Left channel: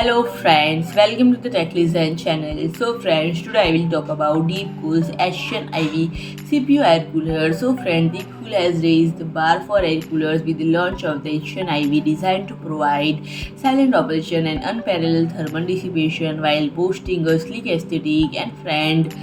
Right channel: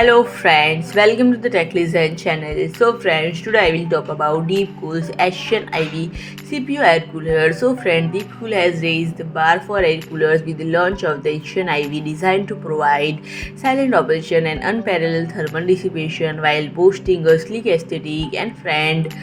Hello friends, welcome to the Tech Listen channel. So friends, today I will talk about DeepCool's Asian IV CPU air cooler. So friend, DeepCool has raised the bar for air coolers with the launch of the Asian IV designed to provide silent operation and unparalleled thermal dissipation while boasting a sleek aesthetic. And friend,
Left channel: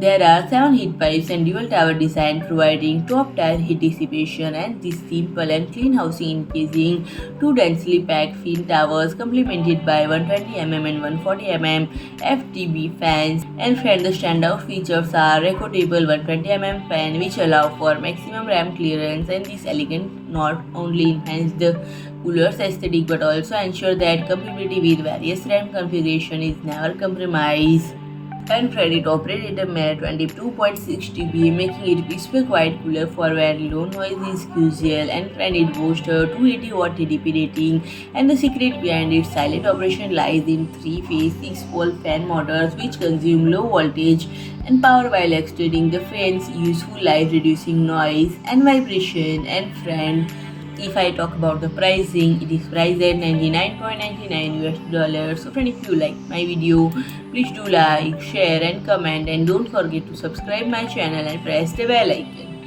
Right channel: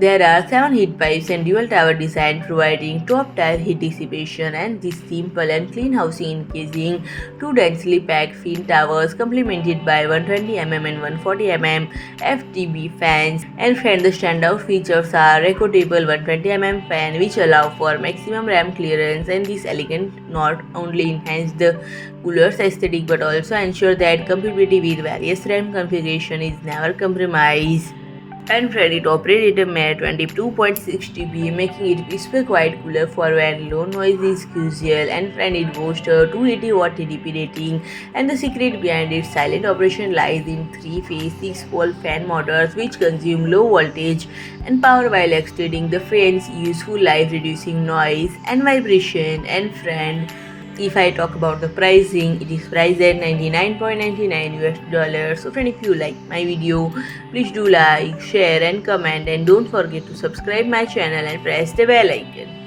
there are 7 heat pipes and dual tower design providing top tier heat dissipation, and this simple and clean housing encasing two densely packed fin towers complemented by 120 and 140 FTB fans. And friend, the standout features are relocatable 120 fan which allow for maximum RAM clearance, and this elegant not only enhance the cooler's aesthetic but also ensure that compatibility with various RAM configuration is never compromised. And friend, it operates at a mere 22.6 dB, making it whisper quiet cooler for when low noise is crucial. And friend, it boasts a 280 watt TDP rating, and the secret behind its silent operation lies in three-phase 6-pole fan motors which consume low voltage and power while extending the fan's useful life, reducing noise and vibration. And friend, if I talk about the pricing, it is priced at 99.99 US dollars. So friend, if you like my video, please do like, share and comment, and don't forget to subscribe my channel and press the bell icon.